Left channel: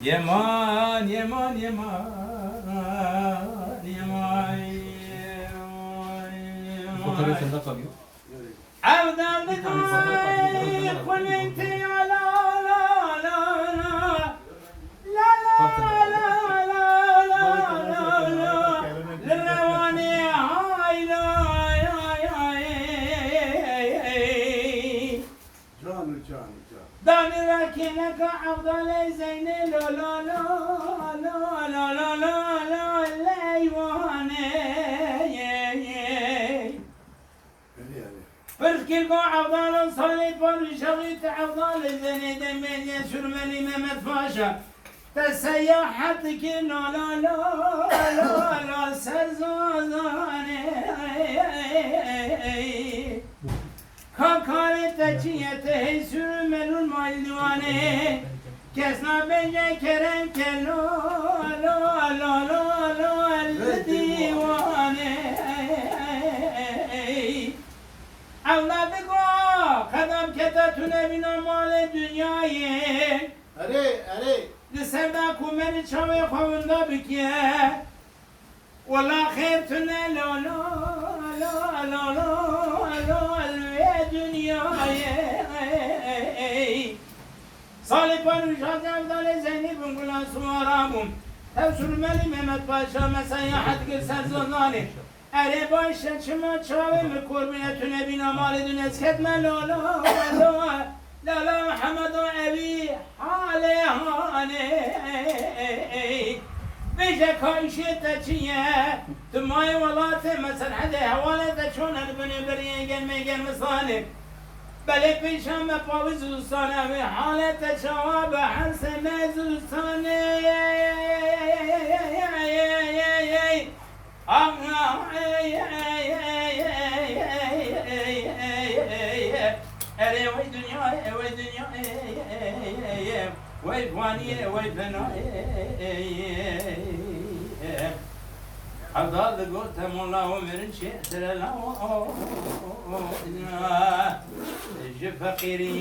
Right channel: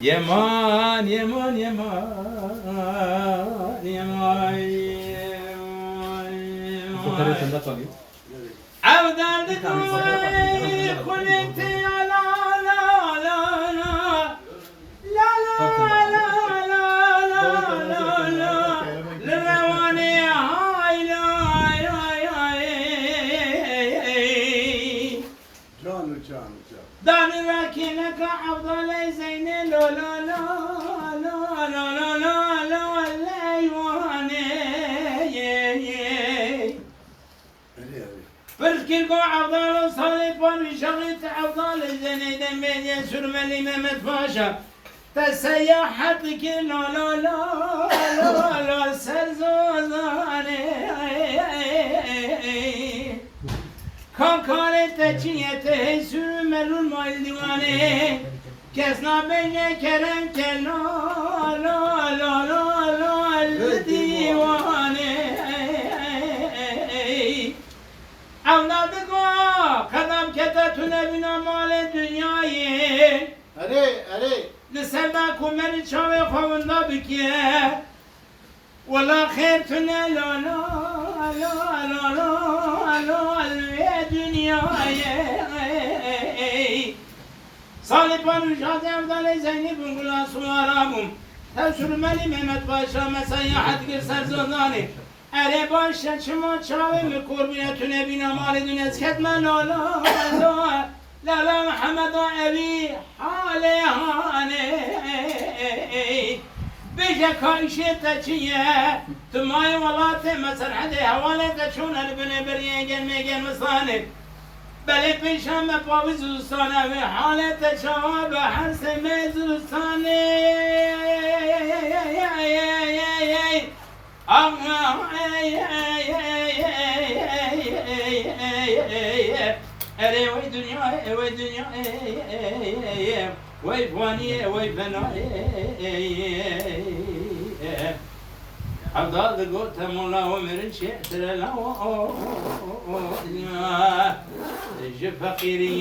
Yaman, yaman, yaman, yaman, Fotoğrafı sende kalıyor. Avdaldık oy, kulünkte ya la la la la, la la la la la la la, levane hay la hay hay. Canı. Dani rakinaka afdal zeyne la la la la la la la la leyvane ye ye. Perki ko afdal salih par şahit afdal zeyne demeye sürmeli Mehmet Paşa. Teseyyahat ki la la la la la serzazane. Kankarete çiyete sürmelun mal divane kesna beyne keren kelo la la la la divane avladı ko kadam kete tüne bina male dünyayı Are. lisenda kumeri çave kovunda bükiye valla khair tüne la la la la la la dünyayı Salih Paruşa Devdale Zeynep'in kulası arabım Tevsürmeli Mehmet Paşa Mesayyahat girser zondani Ere başa çıma çavimi kurbine tüne bina mali dünes ketme la la la la la Muhammed o evi haleyhane Beşe kayşe teçiye Tümay valate mesel hadi havale teçun elbine biriye gelmesani Belek beşem ve paviz ustane ve halete çava ve her semez ustane Allah Ere vay dünya vay faniye vay fena Abdal قلت مولا ومرن شئت لا جف فقيري